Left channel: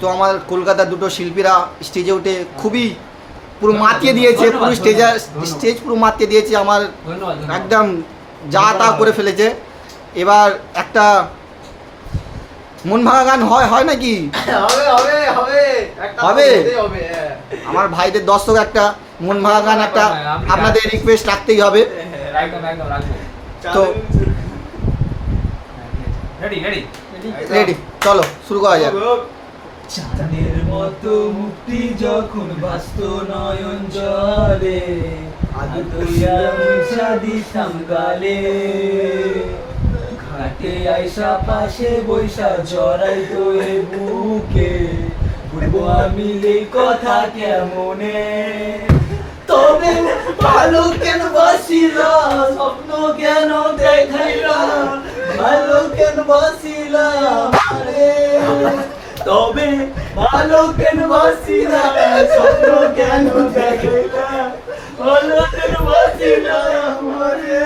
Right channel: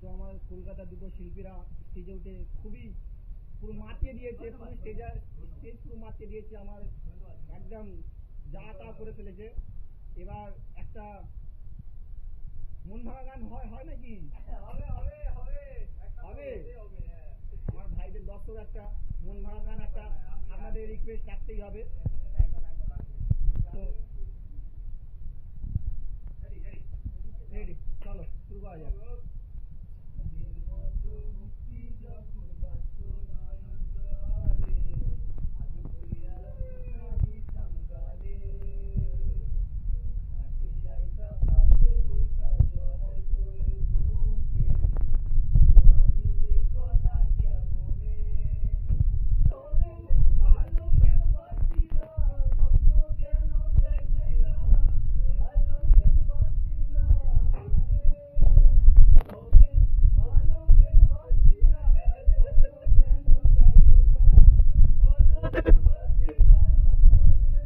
তো আমার কলকাতার দুটো শিল্পীরা স্টেজে উঠে খুবই পুরো মাতিয়ে দিয়েছে, পুরো স্টেজ পুরো মাতিয়ে দিয়েছে, আমার একদম যা তা করে ফেলেছে। এবার একটা মন ভাঙা গান হয় নাকি? হবে। আমার ভাইদের দর্শক একটা মন ভাঙা গান একটা আপনাদের রিকোয়েস্ট রাখতেই হবে। তো রেডি, চলো শুরু করা যাক। চাঁদের মতো মুক্তি যখন বাস্ত নয়ন জলে, আগে মুছা দিতাম গালে, ঘাটে আইসা পাশে বৈশা জড়াই তোরে বুকে, বলবো আমি এই কথা কেমনে, তবে ভালো কেন বাসিলা, স্বপ্ন কেন দেখাইলা, ভালো কেন বাসিলা আমারে, তবে ভালো কেন বাসিলা, স্বপ্ন কেন দেখাইলা, ভালো কেন বাসিলা আমারে।